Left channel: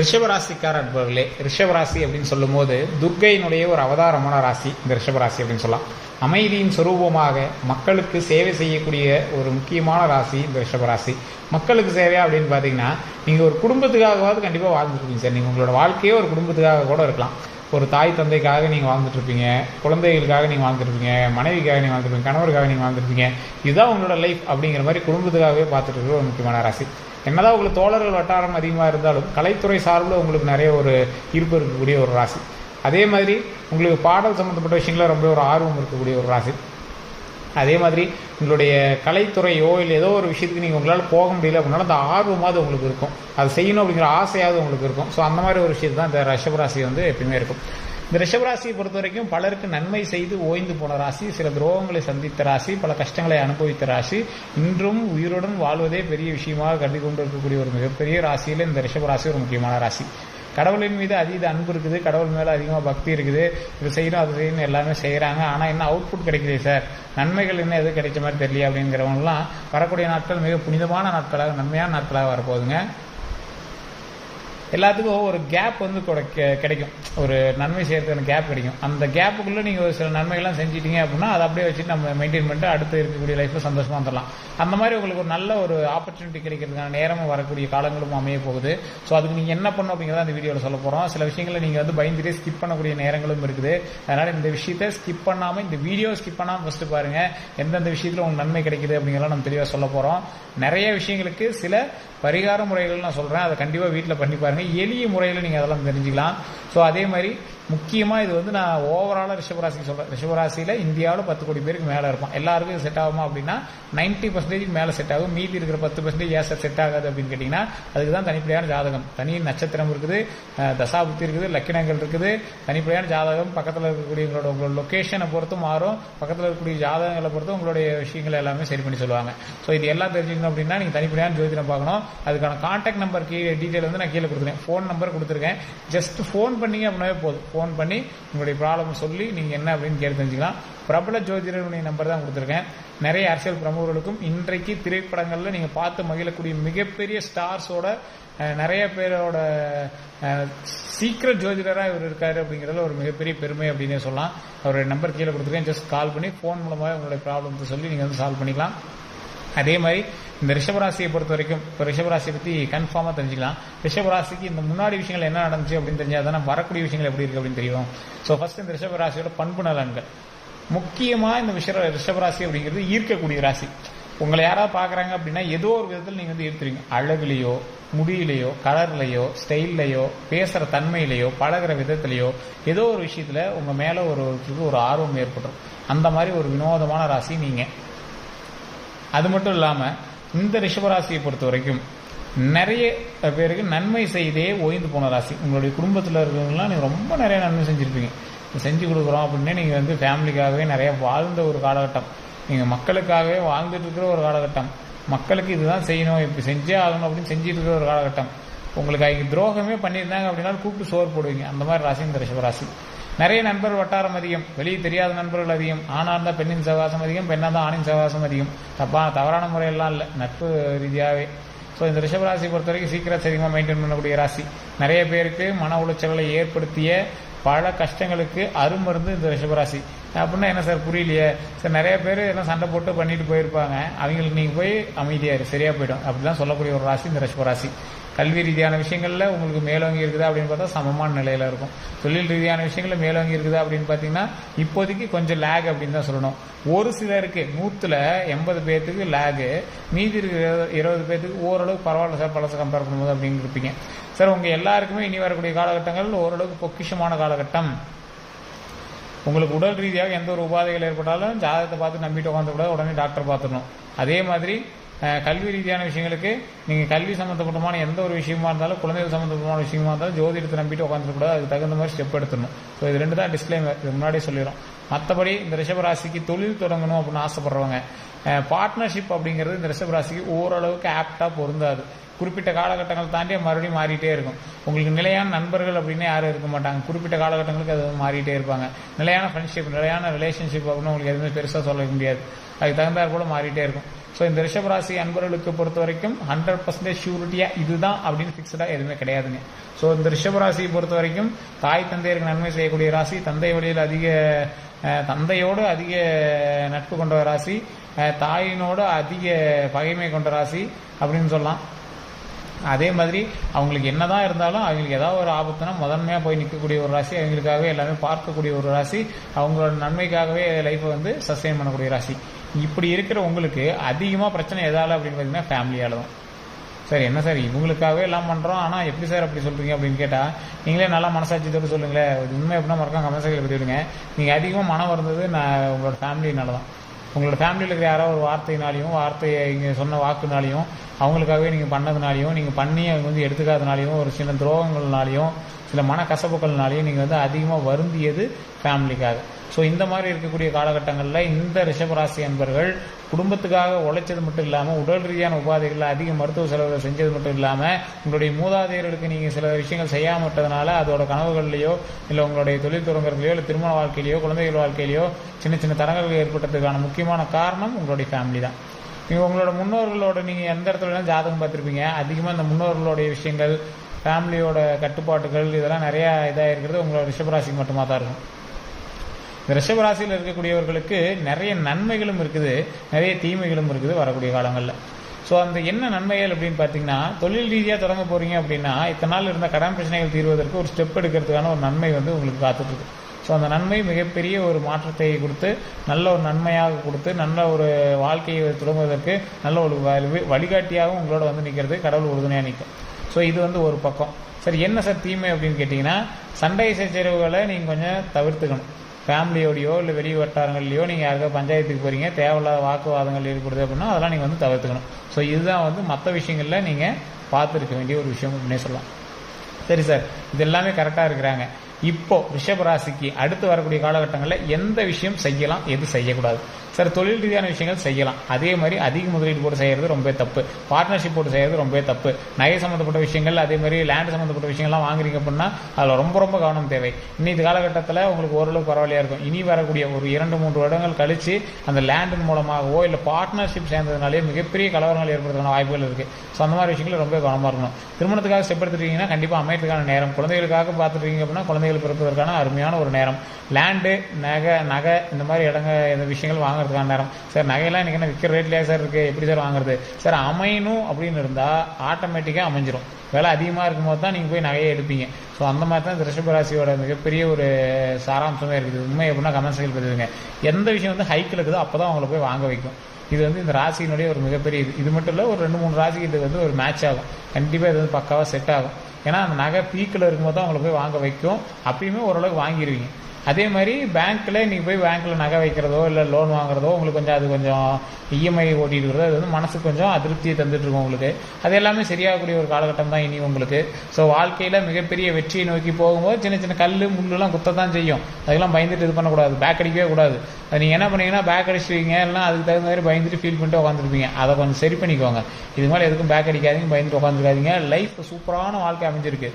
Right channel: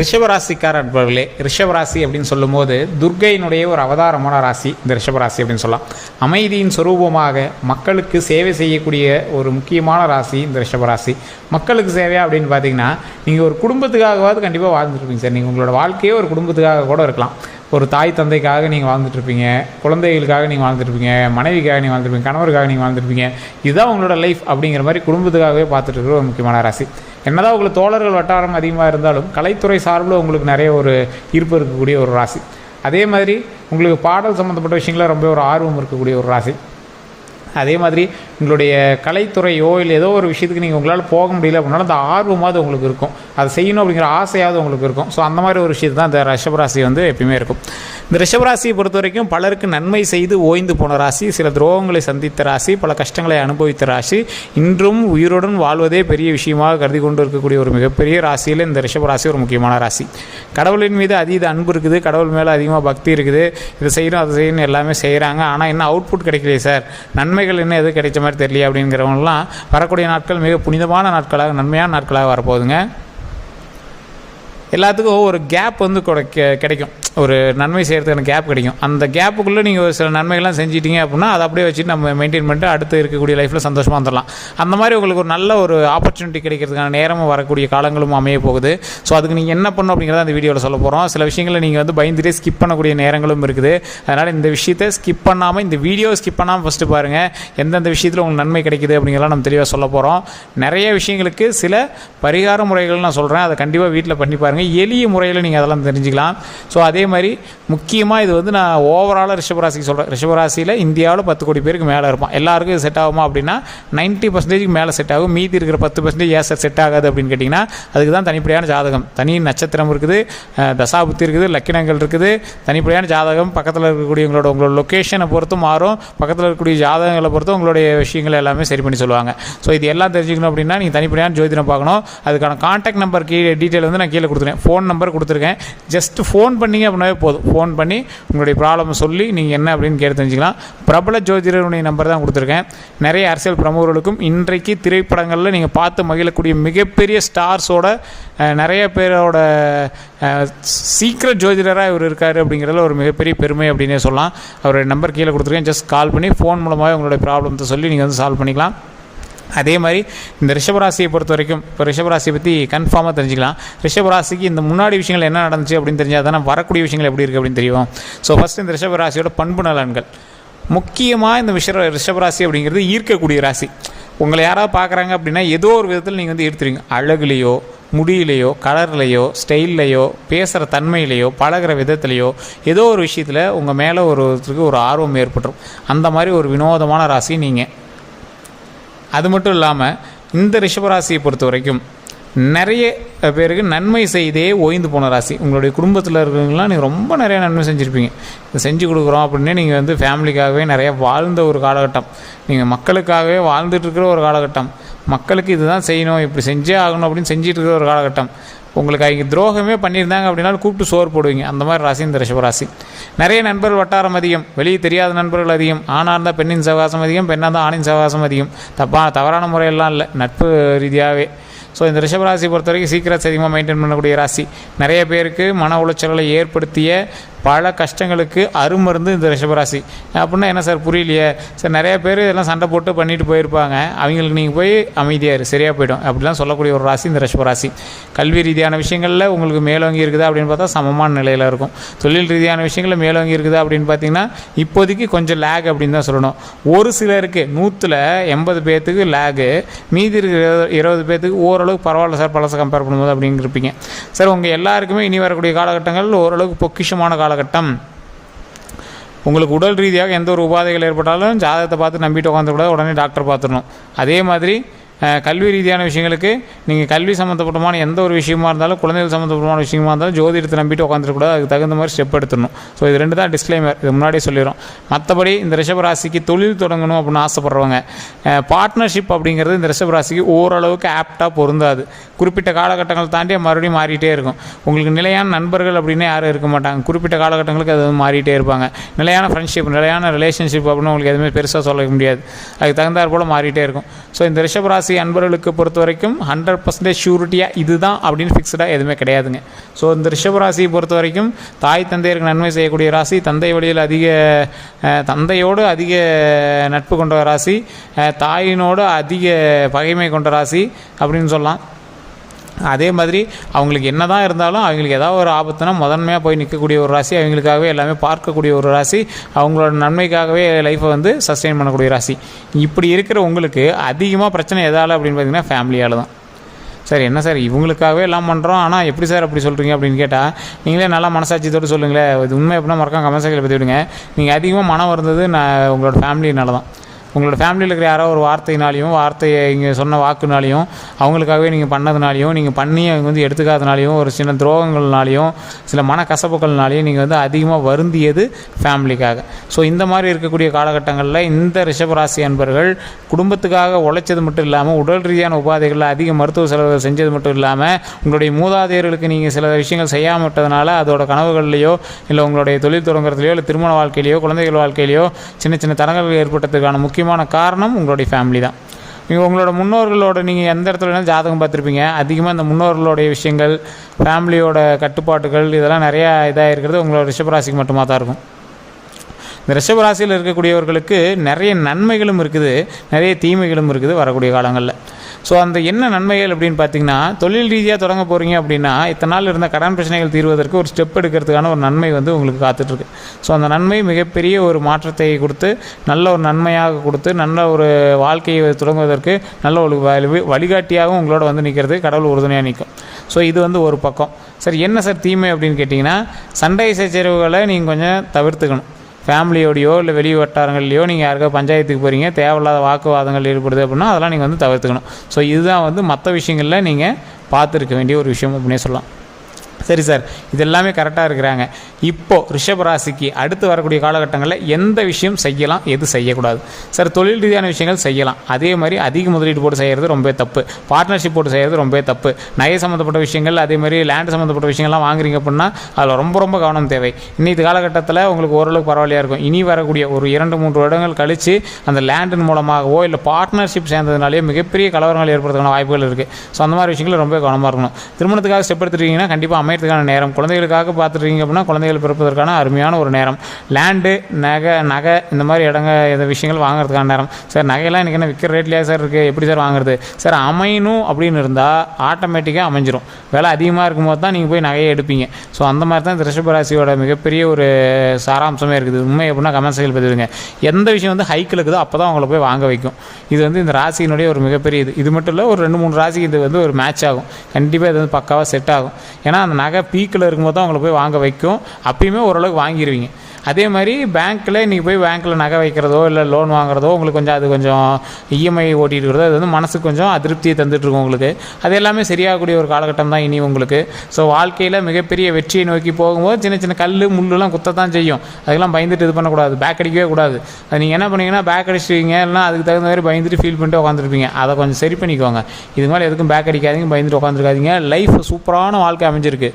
ரிஷபராசிக்கார அன்பர்களே ரிஷபராசி அப்படின்னு சொல்லும்போது துர்கையினுடைய ஒரு அவதாரமான ராசி இந்த ரிஷபராசி அப்படின்னு சொல்லலாம் அமைதியின் சுரூபமாக மக்களுக்கு சேவை செய்யக்கூடிய ஒரு முக்கியமான ராசி இந்த ரிஷபராசி மக்களுக்கு சேவையா அப்படின்னு பார்த்தீங்கன்னா நீங்கள் ஒரு குடும்பத்துக்காகவாவது கண்டிப்பாக வாழ்ந்துருப்பீங்க சார் நீங்கள் உங்களோட வாழ்க்கையே ஒரு குடும்பத்துக்காக கூட இருக்கலாம் ஒரு தாய் தந்தைக்காக நீங்கள் வாழ்ந்துட்டுருப்பீங்க குழந்தைகளுக்காக நீங்கள் வாழ்ந்துருப்பீங்க மனைவிக்காக நீங்கள் வாழ்ந்துருப்பீங்க கணவருக்காக நீங்கள் வாழ்ந்துருப்பீங்க இதுதான் உங்களோட லைஃப் அப்படிங்கிற மாதிரி குடும்பத்துக்காகவே பார்த்துட்டு இருக்கிற ஒரு முக்கியமான ராசி என்னதான் உங்களுக்கு தோழர்கள் வட்டாரம் அதிகமாக இருந்தாலும் கலைத்துறை சார்பில் உங்களுக்கு நிறைய ஒரு ஈர்ப்பு இருக்கக்கூடிய ஒரு ராசி அதே மாதிரி உங்களுக்கு பாடல் சம்மந்தப்பட்ட விஷயங்கள ரொம்ப ஒரு ஆர்வம் இருக்கக்கூடிய ஒரு ராசி அதே மாதிரி உங்களுடைய கலைத்துறையோ இல்லை ஏதோ ஒரு விஷயத்துக்கு நீங்கள் உங்களால் போக முடியல அப்படின்னாலும் அந்த ஆர்வமாவது உங்களுக்கு இருக்கும் அது செய்யணும் அப்படிங்கிற ஆசையாவது உங்களுக்கு இருக்கும் ஸோ அந்த மாதிரி ஒரு விஷயத்து தான் இந்த ரிஷபராசி வந்து எப்பயுமே இருக்கும் இந்த ரிஷபராசியை பொறுத்த வரைக்கும் பலருக்கு நன்மை செய்து ஓய்ந்து போன ராசி சில துரோகங்களை சந்தித்த ராசி பல கஷ்டங்களை அனுபவித்த ராசி இன்றும் உயிருடன் வாழ்வதே பெரிய விஷயமாக கருதி கொண்டு இருக்கக்கூடிய ஒரு மிகப்பெரிய ராசியில் இந்த ரிஷபராசி ஒரு முக்கியமான ராசி கடவுளின் மீது அதீத அன்பு இருக்குது கடவுள் மேலே அதிகமாக பக்தி இருக்குது இதை செய்யணும் அதை செய்யணும் எல்லாமே செய்கிறாங்க ஆனால் என்ன அவுட்புட் கிடைக்கலையே சார் நன்மைகள் என்ன எது கிடைச்ச மாதிரி தெரியல அப்படிங்கிறவங்களாம் வரக்கூடிய நாட்கள் மிக புனிதமான நாட்களாக நன்மையான நாட்களாக வரப்போகுதுங்க எல்லாத்துக்கும் ஒரு கேப் வந்து கிடைக்கும் ஒரு நன்மை செய்கிறதுக்கான கேப் கிடைக்கும் அந்த கேப்புக்குள்ளே நீங்கள் ஒரு சில நன்மைகள்லாம் செஞ்சிட்டிங்க அப்படின்னா அதை அப்படியே வச்சுட்டு நம்ம மெயின்டைன் பண்ணிட்டு அடுத்து இருக்கக்கூடிய லைஃப்பில் சந்தோஷமாக வந்துடலாம் அந்த மாதிரி உங்களுக்கு ஒரு நல்ல ஒரு ஆப்பர்ச்சுனிட்டி கிடைக்கிறதுக்கான நேரமும் வரக்கூடிய காலங்களும் அமைய போகுது ஸோ அதுக்கு நீங்கள் என்ன பண்ணணும் அப்படிங்கிறத அந்த வீடியோவில் சொல்ல போகிறோம் சில விஷயங்களை நீங்கள் வந்து பயந்துட்டே ஸ்கிப் பண்ணக்கூடிய நேரங்களும் இருக்குது அதனால் இந்த விஷயத்தை ஸ்கிப் பண்ணாமல் இந்த வீடியோ ஸ்கிப் பண்ணாமல் ஃபஸ்ட்டு பாருங்கள் எந்தெந்த விஷயத்தில் உங்களுக்கு நன்மை கிடைக்குது அப்படிங்கிறலாம் நம்ம தெளிவாக சொல்ல போகிறோம் நிறைய விஷயங்களுக்கு சில பரிகார முறைகள் நான் சொல்கிறேன் அதை கண்டிப்பாக வீட்டில் பண்ணி பாருங்கள் பாருங்கள் எளிய முறையில் நீங்கள் அதெல்லாம் தெரிஞ்சுக்கலாம் ஸோ அதே மாதிரி முக்கியமாக இது வந்து நான் ஓவராலாக ரிஷபராசிக்கு சொல்கிறேன் ரிஷபராசியில் இந்தியாவில் பத்து கோடி பேருக்கு மேலே இருப்பான் எல்லாருக்கும் செட் ஆகுமா அப்படின்னா நைன்ட்டி பர்சன்டேஜுக்கு மேலே செட் ஆகும் மீதி இருக்கிற பத்து பர்சன்டேஜ் ஏசர் செட் ஆகாது அப்படின்னு கேட்டிங்கன்னா அதுக்கு தான் தனிப்படையான ஜாதகம் தனி நட்சத்திரம் இருக்குது தசாபுத்தி இருக்குது லக்கினங்கள் இருக்குது தனிப்படையான ஜாதகம் பக்கத்தில் இருக்கக்கூடிய உங்களோட லொக்கேஷனை பொறுத்து மாறும் பக்கத்தில் இருக்கக்கூடிய ஜாதகங்களை பொறுத்தும் உங்களுடைய விஷயங்கள் எல்லாமே சரி பண்ணி சொல்லுவாங்க ஸோ இது எல்லாம் தெரிஞ்சுக்கணும் அப்படின்னா நீங்கள் தனிப்படையான ஜோதிடம் பார்க்கணும் அதுக்கான கான்டாக்ட் நம்பர் கீழே டீட்டெயில் வந்து நான் கீழே கொடுத்துருவேன் கொடுத்துருக்கேன் ஃபோன் நம்பர் கொடுத்துருக்கேன் ஜஸ்ட்டு ஃபோன் பண்ணிங்க அப்படின்னாவே போதும் ஃபோன் பண்ணி உங்களுடைய ப்ராப்ளம் சொல்லி நீங்கள் என்ன அப்படின்னு கேட்டு தெரிஞ்சுக்கலாம் பிரபல ஜோதிடருடைய நம்பர் தான் கொடுத்துருக்கேன் நிறைய அரசியல் பிரமுகர்களுக்கும் இன்றைக்கு திரைப்படங்களில் நீங்கள் பார்த்து மகிழக்கூடிய மிகப்பெரிய ஸ்டார்ஸோட நிறைய பேரோட சீக்கிரம் ஜோதிடராக இவர் இருக்கார் அப்படிங்கிறதுல ஒரு மிகப்பெரிய பெருமை அப்படின்னே சொல்லலாம் அவருடைய நம்பர் கீழே கொடுத்துருக்கேன் ஜஸ்ட் கால் பண்ணி ஃபோன் மூலமாக உங்களுடைய ப்ராப்ளத்தை சொல்லி நீங்கள் வந்து சால்வ் பண்ணிக்கலாம் அதே மாதிரி இந்த ரிஷபராசியை பொறுத்த வரைக்கும் இப்போ ரிஷபராசியை பற்றி கன்ஃபார்மாக தெரிஞ்சுக்கலாம் ரிஷபராசிக்கு இந்த முன்னாடி விஷயங்கள் என்ன நடந்துச்சு அப்படின்னு தெரிஞ்சால் தானே வரக்கூடிய விஷயங்கள் எப்படி இருக்குது அப்படின்னு தெரியும் ஸோ ஃபஸ்ட்டு இந்த ரிஷபராசியோட பண்பு நலன்கள் முக்கியமாக இந்த விஷ ரிஷபராசி அப்படிங்கிறது ஈர்க்கக்கூடிய ராசி உங்களை யாராவது பார்க்குறாங்க அப்படின்னா ஏதோ ஒரு விதத்தில் நீங்கள் வந்து எடுத்துருவீங்க அழகுலேயோ முடியிலையோ கலர்லையோ ஸ்டைல்லையோ பேசுகிற தன்மையிலையோ பழகிற விதத்துலையோ ஏதோ ஒரு விஷயத்தில் உங்கள் மேலே ஒருத்தருக்கு ஒரு ஆர்வம் ஏற்பட்டுரும் அந்த மாதிரி ஒரு வினோதமான ராசி நீங்கள் அது மட்டும் இல்லாமல் இந்த ரிஷபராசியை பொறுத்த வரைக்கும் நிறைய பேருக்கு நன்மை செய்தே ஓய்ந்து போன ராசி உங்களுடைய குடும்பத்தில் இருக்கிறவங்களாம் நீங்கள் ரொம்ப நிறைய நன்மை செஞ்சுருப்பீங்க இதை செஞ்சு கொடுக்குறோம் அப்படின்னே நீங்கள் வந்து ஃபேமிலிக்காகவே நிறைய வாழ்ந்த ஒரு காலகட்டம் நீங்கள் மக்களுக்காகவே வாழ்ந்துட்டு இருக்கிற ஒரு காலகட்டம் மக்களுக்கு இதுதான் செய்யணும் இப்படி செஞ்சே ஆகணும் அப்படின்னு செஞ்சிட்டு இருக்கிற ஒரு காலகட்டம் உங்களுக்கு அவங்க துரோகமே பண்ணியிருந்தாங்க அப்படின்னா கூப்பிட்டு சோறு போடுவீங்க அந்த மாதிரி ராசி இந்த ரிஷபராசி நிறைய நண்பர்கள் வட்டாரம் அதிகம் வெளியே தெரியாத நண்பர்கள் அதிகம் ஆணாக இருந்தால் பெண்ணின் சவகாசம் அதிகம் பெண்ணாக இருந்தால் ஆணின் சவகாசம் அதிகம் தப்பாக தவறான முறையெல்லாம் இல்லை நட்பு ரீதியாகவே ஸோ இந்த ரிஷபராசி பொறுத்த வரைக்கும் சீக்கிரம் அதிகமாக மெயின்டைன் பண்ணக்கூடிய ராசி நிறைய பேருக்கு மன உளைச்சல்களை ஏற்படுத்திய பல கஷ்டங்களுக்கு அருமருந்து இந்த ரிஷபராசி அப்படின்னா என்ன சார் புரியலையே சார் நிறைய பேர் இதெல்லாம் சண்டை போட்டு பண்ணிட்டு போயிருப்பாங்க அவங்களுக்கு நீங்கள் போய் இரு சரியாக போயிடும் அப்படிலாம் சொல்லக்கூடிய ஒரு ராசி இந்த ரிஷபராசி கல்வி ரீதியான விஷயங்களில் உங்களுக்கு மேலோங்கி இருக்குதா அப்படின்னு பார்த்தா சமமான நிலையில் இருக்கும் தொழில் ரீதியான விஷயங்களில் மேலோங்கி இருக்குதா அப்படின்னு பார்த்தீங்கன்னா இப்போதைக்கு கொஞ்சம் லேக் அப்படின்னு தான் சொல்லணும் ஒரு சிலருக்கு நூற்றில் எண்பது பேர்த்துக்கு லேகு மீதி இருக்கிற இருபது பேர்த்துக்கு ஓரளவுக்கு பரவாயில்ல சார் பழசை கம்பேர் பண்ணும்போது அப்படின்னு இருப்பீங்க சார் உங்கள் எல்லாருக்குமே இனி வரக்கூடிய காலகட்டங்கள் ஓரளவுக்கு பொக்கிஷமான கால காலகட்டம் உங்களுக்கு உடல் ரீதியாக எந்த ஒரு உபாதைகள் ஏற்பட்டாலும் ஜாதகத்தை பார்த்து நம்பிட்டு உட்காந்துக்கூடாது உடனே டாக்டர் பார்த்துடணும் அதே மாதிரி கல்வி ரீதியான விஷயங்களுக்கு நீங்கள் கல்வி சம்மந்தப்பட்டமான எந்த ஒரு விஷயமா இருந்தாலும் குழந்தைகள் சம்மந்தப்பட்டமான விஷயமா இருந்தாலும் எடுத்து நம்பிட்டு உட்காந்துருக்கூட அதுக்கு தகுந்த மாதிரி ஸ்டெப் எடுத்துடணும் ஸோ இது ரெண்டு தான் டிஸ்க்ளைமர் இது முன்னாடியே சொல்லிடும் மற்றபடி இந்த ரிஷபராசிக்கு தொழில் தொடங்கணும் அப்படின்னு ஆசைப்படுறவங்க பார்ட்னர்ஷிப் அப்படிங்கிறது இந்த ரிஷபராசிக்கு ஓரளவுக்கு ஆப்டாக பொருந்தாது குறிப்பிட்ட காலகட்டங்கள் தாண்டி மறுபடியும் மாறிட்டே இருக்கும் உங்களுக்கு நிலையான நண்பர்கள் அப்படின்னா யாரும் இருக்க மாட்டாங்க குறிப்பிட்ட காலகட்டங்களுக்கு அது மாறிட்டே இருப்பாங்க நிலையான ஃப்ரெண்ட்ஷிப் நிலையான ரிலேஷன்ஷிப் அப்படின்னு உங்களுக்கு எதுவுமே பெருசாக சொல்ல முடியாது அதுக்கு தகுந்தாற் போல் மாறிட்டே இருக்கும் ஸோ இந்த ரிஷபராசி ராசி அன்பர்களுக்கு பொறுத்த வரைக்கும் ஹண்ட்ரட் பர்சன்டேஜ் ஷூரிட்டியாக இதுதான் அப்படின்னு ஃபிக்ஸ்டாக எதுவுமே கிடையாதுங்க ஸோ இந்த ரிஷப ராசியை பொறுத்த வரைக்கும் தாய் தந்தையருக்கு நன்மை செய்யக்கூடிய ராசி தந்தை வழியில் அதிக தந்தையோடு அதிக நட்பு கொண்ட ராசி தாயினோடு அதிக பகைமை கொண்ட ராசி அப்படின்னு சொல்லலாம் அதே மாதிரி அவங்களுக்கு என்ன தான் இருந்தாலும் அவங்களுக்கு ஏதாவது ஒரு ஆபத்துனா முதன்மையாக போய் நிற்கக்கூடிய ஒரு ராசி அவங்களுக்காகவே எல்லாமே பார்க்கக்கூடிய ஒரு ராசி அவங்களோட நன்மைக்காகவே லைஃப்பை வந்து சஸ்டெயின் பண்ணக்கூடிய ராசி இப்படி இருக்கிற உங்களுக்கு அதிகமாக பிரச்சனை எதால் அப்படின்னு பார்த்தீங்கன்னா ஃபேமிலியால் தான் சார் என்ன சார் இவங்களுக்காகவே எல்லாம் பண்ணுறோம் ஆனால் எப்படி சார் அப்படி சொல்கிறீங்க அப்படின்னு கேட்டால் நீங்களே நல்லா மனசாட்சியத்தோடு சொல்லுங்களேன் இது உண்மை எப்படின்னா மறக்காம கமெண்ட் செக்ஷனில் பற்றி விடுங்க நீங்கள் அதிகமாக மனம் வருந்தது நான் உங்களோட ஃபேமிலினால தான் உங்களோட ஃபேமிலியில் இருக்கிற யாரோ ஒரு வார்த்தையினாலையும் வார்த்தையை இங்கே சொன்ன வாக்குனாலையும் அவங்களுக்காகவே நீங்கள் பண்ணதுனாலையும் நீங்கள் பண்ணி அவங்க வந்து எடுத்துக்காதனாலையும் ஒரு சின்ன துரோகங்கள்னாலையும் சில மனக்கசப்புகள்னாலையும் நீங்கள் வந்து அதிகமாக வருந்தியது ஃபேமிலிக்காக ஸோ இந்த மாதிரி இருக்கக்கூடிய காலகட்டங்களில் இந்த ரிஷபராசி அன்பர்கள் குடும்பத்துக்காக உழைச்சது மட்டும் இல்லாமல் உடல் ரீதியான உபாதைகளில் அதிக மருத்துவ செலவுகள் செஞ்சது மட்டும் இல்லாமல் உங்களுடைய மூதாதையர்களுக்கு நீங்கள் சில விஷயங்கள் செய்யாமட்டதுனால விட்டதுனால அதோட கனவுகள்லையோ இல்லை உங்களுடைய தொழில் தொடங்குறதுலையோ இல்லை திருமண வாழ்க்கையிலையோ குழந்தைகள் வாழ்க்கையிலையோ சின்ன சின்ன தரங்கள் ஏற்பட்டதுக்கான முக்கிய முக்கியமான காரணம் உங்களுடைய ஃபேமிலி தான் நீங்கள் உங்களோட முன்னோர்களோட நீங்கள் எந்த இடத்துல வேணாலும் ஜாதகம் பார்த்துருப்பீங்க அதிகமாக இந்த முன்னோர்களுடைய விஷயங்கள் ஃபேமிலியோட கட்டுப்பாடுகள் இதெல்லாம் நிறையா இதாக இருக்கிறது உங்களோட ரிஷபராசிக்கு மட்டுமா தான் இருக்கும் இந்த ரிஷபராசியில் இருக்கக்கூடியவர்களுக்கு நிறைய நன்மைகளும் இருக்குது நிறைய தீமைகளும் இருக்குது வரக்கூடிய காலங்களில் ஸோ அந்த என்ன நன்மைகள் அப்படின்னு பார்த்தீங்கன்னா தொழில் ரீதியாக தொடங்க போகிறீங்க அப்படின்னா இத்தனை நாள் இருந்த கடன் பிரச்சனைகள் தீர்வதற்கு ஒரு ஸ்டெப் எடுக்கிறதுக்கான ஒரு நன்மை வந்து உங்களுக்கு காத்துட்ருக்கு ஸோ அந்த நன்மை மிகப்பெரிய ஒரு மாற்றத்தை கொடுத்து நல்ல ஒரு நன்மையாக கொடுத்து நல்ல ஒரு வாழ்க்கையை தொடங்குவதற்கு நல்ல ஒரு வழிகாட்டியாகவும் உங்களோட வந்து நிற்கிறது கடவுள் உறுதுணையாக நிற்கும் ஸோ இது வந்து ஒரு பக்கம் சரி என்ன சார் தீமை அப்படின்னு கேட்டிங்கன்னா சண்டை சச்சரவுகளை நீங்கள் கொஞ்சம் தவிர்த்துக்கணும் ஃபேமிலியோடையோ இல்லை வெளி வட்டாரங்கள்லையோ நீங்கள் யாருக்கோ பஞ்சாயத்துக்கு போகிறீங்க தேவையில்லாத வாக்குவாதங்கள் ஈடுபடுது அப்படின்னா அதெல்லாம் நீங்கள் வந்து தவிர்த்துக்கணும் ஸோ இதுதான் வந்து மற்ற விஷயங்களில் நீங்கள் பார்த்துருக்க வேண்டிய ஒரு விஷயம் அப்படின்னே சொல்லலாம் சரி சார் இது எல்லாமே கரெக்டாக இருக்கிறாங்க இப்போது ரிஷபராசிக்கு அடுத்து வரக்கூடிய காலகட்டங்களில் எந்த விஷயம் செய்யலாம் எது செய்யக்கூடாது சார் தொழில் ரீதியான விஷயங்கள் செய்யலாம் அதே மாதிரி அதிக முதலீடு போட்டு செய்கிறது ரொம்ப தப்பு பார்ட்னர்ஷிப் போட்டு செய்கிறது ரொம்ப தப்பு நகை சம்மந்தப்பட்ட விஷயங்கள் அதே மாதிரி லேண்ட் சம்மந்தப்பட்ட விஷயங்கள்லாம் வாங்குறீங்க அப்படின்னா அதில் ரொம்ப ரொம்ப கவனம் தேவை இன்னைக்கு காலகட்டத்தில் உங்களுக்கு ஓரளவுக்கு பரவாயில்லையாக இருக்கும் இனி வரக்கூடிய ஒரு இரண்டு மூன்று வருடங்கள் கழித்து அந்த லேண்டின் மூலமாகவோ இல்லை பார்ட்னர்ஷிப் சேர்ந்ததுனாலேயே மிகப்பெரிய கலவரங்கள் ஏற்படுறதுக்கான வாய்ப்புகள் இருக்குது ஸோ அந்த மாதிரி விஷயங்கள் ரொம்ப கவனமாக இருக்கணும் திருமணத்துக்காக ஸ்டெப் எடுத்துருக்கீங்கன்னா கண்டிப்பாக அமையறதுக்கான நேரம் குழந்தைகளுக்காக பார்த்துருக்கீங்க அப்படின்னா குழந்தைகள் பிறப்பதற்கான அருமையான ஒரு நேரம் லேண்டு நகை நகை இந்த மாதிரி இடங்க இந்த விஷயங்கள் வாங்குறதுக்கான நேரம் சார் நகையெல்லாம் இன்றைக்கி என்ன விற்கிற ரேட்லையா சார் இருக்குது எப்படி சார் வாங்குறது சார் அமையணும் அப்படின்னு இருந்தால் ஆட்டோமேட்டிக்காக அமைஞ்சிரும் விலை அதிகமாக இருக்கும்போது தான் நீங்கள் போய் நகையை எடுப்பீங்க ஸோ அந்த மாதிரி தான் இந்த ராசியோட மிகப்பெரிய ஒரு சாராம்சமே இருக்குது உண்மை அப்படின்னா செயல் பதிவுங்க எந்த விஷயம் வந்து ஹைக்கில் இருக்குதோ அப்போ தான் அவங்கள போய் வாங்க வைக்கும் இது வந்து இந்த ராசியினுடைய ஒரு மிகப்பெரிய இது இது மட்டும் இல்லை ஒரு ரெண்டு மூணு ராசிக்கு இது வந்து ஒரு மேட்ச் ஆகும் கண்டிப்பாக இது வந்து பக்காவாக செட் ஆகும் ஏன்னா அந்த அந்த நகை பீக்கில் இருக்கும்போது தான் அவங்களை போய் வாங்க வைக்கும் அப்பயுமே ஓரளவுக்கு வாங்கிடுவீங்க அதே மாதிரி பேங்க்கில் நீங்கள் போய் பேங்க்கில் நகை வைக்கிறதோ இல்லை லோன் வாங்குறதோ உங்களுக்கு கொஞ்சம் அது கொஞ்சம் இஎம்ஐ e ஓட்டிகிட்டு இருக்கிறதோ அது வந்து மனசுக்கு கொஞ்சம் அதிருப்தியை தந்துட்டுருக்கும் உங்களுக்கு அது எல்லாமே சரியாகக்கூடிய ஒரு காலகட்டம் தான் இனி உங்களுக்கு ஸோ வாழ்க்கையில் மிகப்பெரிய வெற்றியை நோக்கி போகும்போது சின்ன சின்ன கல் முள்ளுலாம் குத்தத்தான் செய்யும் அதுக்கெல்லாம் பயந்துட்டு இது பண்ணக்கூடாது பேக் அடிக்கவே கூடாது அது நீங்கள் என்ன பண்ணீங்கன்னா பேக் அடிச்சிருவீங்க இல்லைனா அதுக்கு தகுந்த மாதிரி பயந்துட்டு ஃபீல் பண்ணிட்டு உட்காந்துருப்பீங்க அதை கொஞ்சம் சரி பண்ணிக்கோங்க இது மாதிரி எதுக்கும் பேக் அடிக்காதீங்க பயந்துட்டு உட்காந்துருக்காதீங்க லைஃப் சூப்பரான வாழ்க்கை அமைஞ்சிருக்கு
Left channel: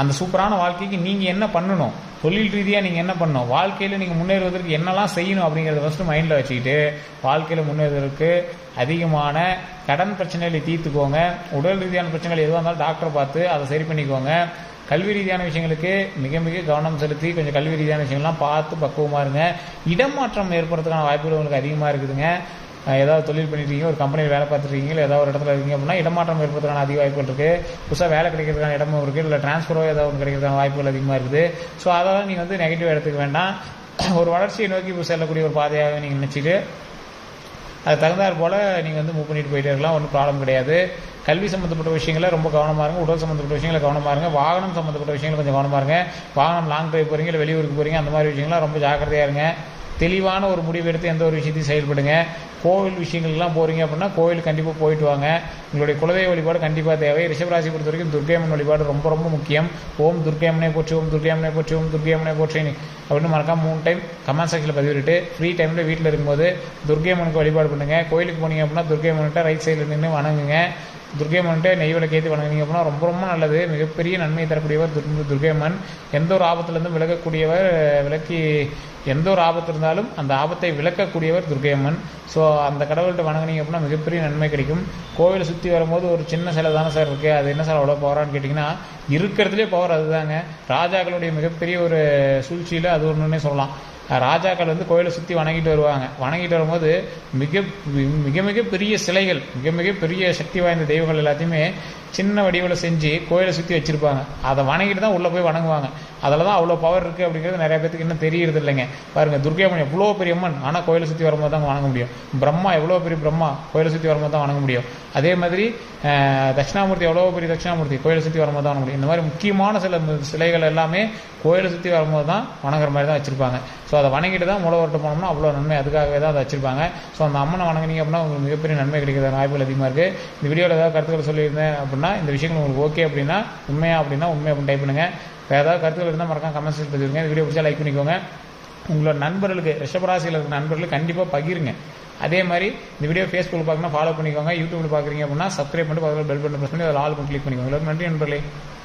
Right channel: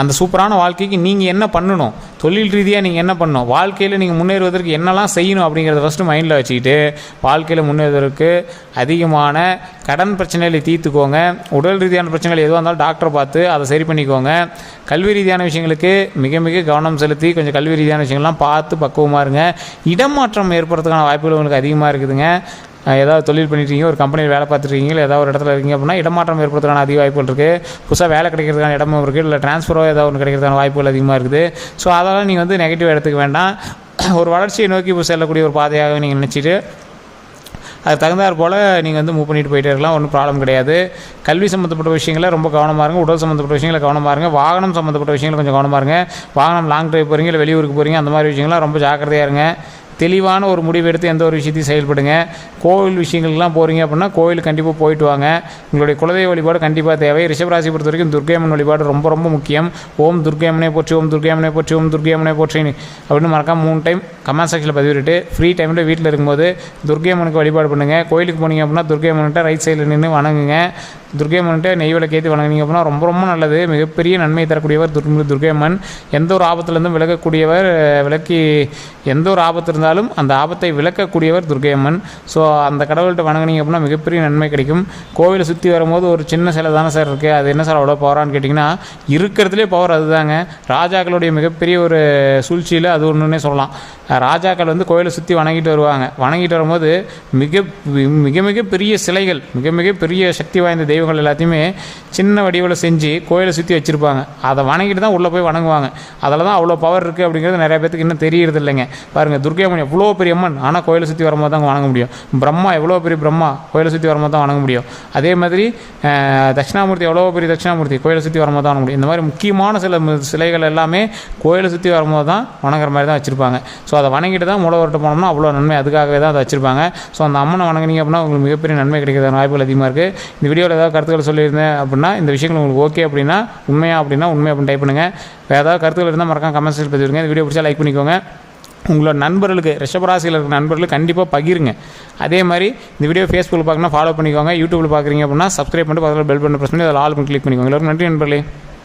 அந்த சூப்பரான வாழ்க்கைக்கு நீங்கள் என்ன பண்ணணும் தொழில் ரீதியாக நீங்கள் என்ன பண்ணணும் வாழ்க்கையில் நீங்கள் முன்னேறுவதற்கு என்னெல்லாம் செய்யணும் அப்படிங்கிறத ஃபஸ்ட்டு மைண்டில் வச்சுக்கிட்டு வாழ்க்கையில் முன்னேறுவதற்கு அதிகமான கடன் பிரச்சனைகளை தீர்த்துக்கோங்க உடல் ரீதியான பிரச்சனைகள் எதுவாக இருந்தாலும் டாக்டரை பார்த்து அதை சரி பண்ணிக்கோங்க கல்வி ரீதியான விஷயங்களுக்கு மிக மிக கவனம் செலுத்தி கொஞ்சம் கல்வி ரீதியான விஷயங்கள்லாம் பார்த்து பக்குவமாக இருங்க இடமாற்றம் ஏற்படுறதுக்கான வாய்ப்புகள் உங்களுக்கு அதிகமாக இருக்குதுங்க ஏதாவது தொழில் பண்ணிட்டு ஒரு கம்பெனியில் வேலை பார்த்துருக்கீங்களா ஏதாவது ஒரு இடத்துல இருக்கீங்க அப்படின்னா இடமாற்றம் ஏற்படுத்துறதுக்கான அதிக வாய்ப்புகள் இருக்குது புதுசாக வேலை கிடைக்கிறதுக்கான இடமும் இருக்குது இல்லை ட்ரான்ஸ்ஃபரோ ஏதாவது ஒன்று கிடைக்கிறதுக்கான வாய்ப்புகள் அதிகமாக இருக்குது ஸோ அதெல்லாம் நீங்கள் வந்து நெகட்டிவ் எடுத்துக்க வேண்டாம் ஒரு வளர்ச்சியை நோக்கி செல்லக்கூடிய ஒரு பாதையாக நீங்கள் நினச்சிட்டு அது தகுந்தாற் போல் நீங்கள் வந்து மூவ் பண்ணிட்டு போயிட்டே இருக்கலாம் ஒன்றும் ப்ராப்ளம் கிடையாது கல்வி சம்மந்தப்பட்ட விஷயங்களை ரொம்ப கவனமாக இருங்க உடல் சம்மந்தப்பட்ட விஷயங்களை கவனமாக இருங்க வாகனம் சம்மந்தப்பட்ட விஷயங்களை கொஞ்சம் கவனமாக இருங்க வாகனம் லாங் ட்ரைவ் போகிறீங்க இல்லை வெளியூருக்கு போகிறீங்க அந்த மாதிரி விஷயங்கள்லாம் ரொம்ப ஜாக்கிரதையாக இருங்க தெளிவான ஒரு முடிவு எடுத்து எந்த ஒரு விஷயத்தையும் செயல்படுங்க கோவில் விஷயங்கள்லாம் போகிறீங்க அப்படின்னா கோவில் கண்டிப்பாக போயிட்டு வாங்க உங்களுடைய குலதெய்வ வழிபாடு கண்டிப்பாக தேவை ரிஷபராசி பொறுத்த வரைக்கும் துர்கையம்மன் வழிபாடு ரொம்ப ரொம்ப முக்கியம் ஓம் துர்கையம்மனை போற்றி ஓம் துர்கையம்மனை போற்றி ஓம் துர்கையம்மனை போற்றி அப்படின்னு மறக்காம மூணு டைம் கமெண்ட் செக்ஷனில் பதிவிட்டு ஃப்ரீ டைமில் வீட்டில் இருக்கும்போது துர்கையம்மனுக்கு வழிபாடு பண்ணுங்கள் கோயிலுக்கு போனீங்க அப்படின்னா துர்கையம்மன்கிட்ட ரைட் சைடில் நின்று வணங்குங்க துர்கையம்மன்கிட்ட நெய் விளக்கேற்றி வணங்குனீங்க அப்படின்னா ரொம்ப ரொம்ப நல்லது மிகப்பெரிய நன்மை தரக்கூடியவர் துர்கையம்மன் எந்த ஒரு ஆபத்துலேருந்தும் விலகக்கூடியவர் விலக்கி எந்த ஒரு ஆபத்து இருந்தாலும் இருந்தாலும் அந்த ஆபத்தை விளக்கக்கூடியவர் துர்கையம்மன் ஸோ அந்த கடவுள்கிட்ட வணங்கினீங்க அப்படின்னா மிகப்பெரிய நன்மை கிடைக்கும் கோவிலை சுற்றி வரும்போது ஒரு சின்ன சிலை தானே சார் இருக்குது அது என்ன சார் அவ்வளோ பவரான்னு கேட்டிங்கன்னா இருக்கிறதுலே பவர் அதுதாங்க ராஜாக்களுடைய மிகப்பெரிய ஒரு சூழ்ச்சியில் அது ஒன்றுன்னே சொல்லலாம் ராஜாக்கள் வந்து கோயிலை சுற்றி வணங்கிட்டு வருவாங்க வணங்கிட்டு வரும்போது மிக மிக மிக பெரிய சிலைகள் மிக மிக பெரிய சக்தி வாய்ந்த தெய்வங்கள் எல்லாத்தையுமே சின்ன வடிவில் செஞ்சு கோயிலை சுற்றி வச்சுருப்பாங்க அதை வணங்கிட்டு தான் உள்ளே போய் வணங்குவாங்க அதில் தான் அவ்வளோ பவர் இருக்குது அப்படிங்கிறது நிறைய பேருக்கு இன்னும் தெரியறது இல்லைங்க பாருங்கள் துர்கை அம்மன் எவ்வளோ பெரிய அம்மன் ஆனால் கோயிலை சுற்றி வரும்போது தான் வணங்க முடியும் பிரம்மா எவ்வளோ பெரிய பிரம்மா கோயிலை சுற்றி வரும்போது தான் வணங்க முடியும் அதே மாதிரி தட்சிணாமூர்த்தி எவ்வளோ பெரிய தட்சிணாமூர்த்தி கோயிலை சுற்றி வரும்போது தான் முடியும் இந்த மாதிரி முக்கியமான சில சிலைகள் எல்லாமே கோயிலை சுற்றி வரும்போது தான் வணங்குற மாதிரி தான் வச்சுருப்பாங்க ஸோ அதை வணங்கிட்டு தான் மூலவர்கிட்ட போனோம்னா அவ்வளோ நன்மை அதுக்காகவே தான் அதை வச்சிருப்பாங்க ஸோ அந்த அம்மனை வணங்கினீங்க அப்படின்னா உங்களுக்கு மிகப்பெரிய நன்மை கிடைக்கிற வாய்ப்புகள் அதிகமாக இருக்குது இந்த வீடியோவில் ஏதாவது கருத்துக்கள் சொல்லியிருந்தேன் அப்படின்னா இந்த விஷயங்கள் உங்களுக்கு ஓகே அப்படின்னா உண்மையாக அப்படின்னா உண்மை அப்படின்னு டைப் பண்ணுங்கள் வேறு ஏதாவது கருத்துக்கள் இருந்தால் மறக்காம கமெண்ட்ஸ் பதிவிடுங்க இந்த வீடியோ பிடிச்சா லைக் பண்ணிக்கோங்க உங்களோட நண்பர்களுக்கு ரிஷபராசியில் இருக்கிற நண்பர்களுக்கு கண்டிப்பாக பகிருங்க அதே மாதிரி இந்த வீடியோ ஃபேஸ்புக்கில் பார்க்கணும் ஃபாலோ பண்ணிக்கோங்க யூடியூப்பில் பார்க்குறீங்க அப்படின்னா சப்ஸ்கிரைப் பண்ணிட்டு பக்கத்தில் பெல் பண்ண பிரச்சனை பண்ணி அதில் ஆல் பண்ணி கிளிக் பண்ணிக்கோங்க எல்லோரும் நன்றி நண்பர்களே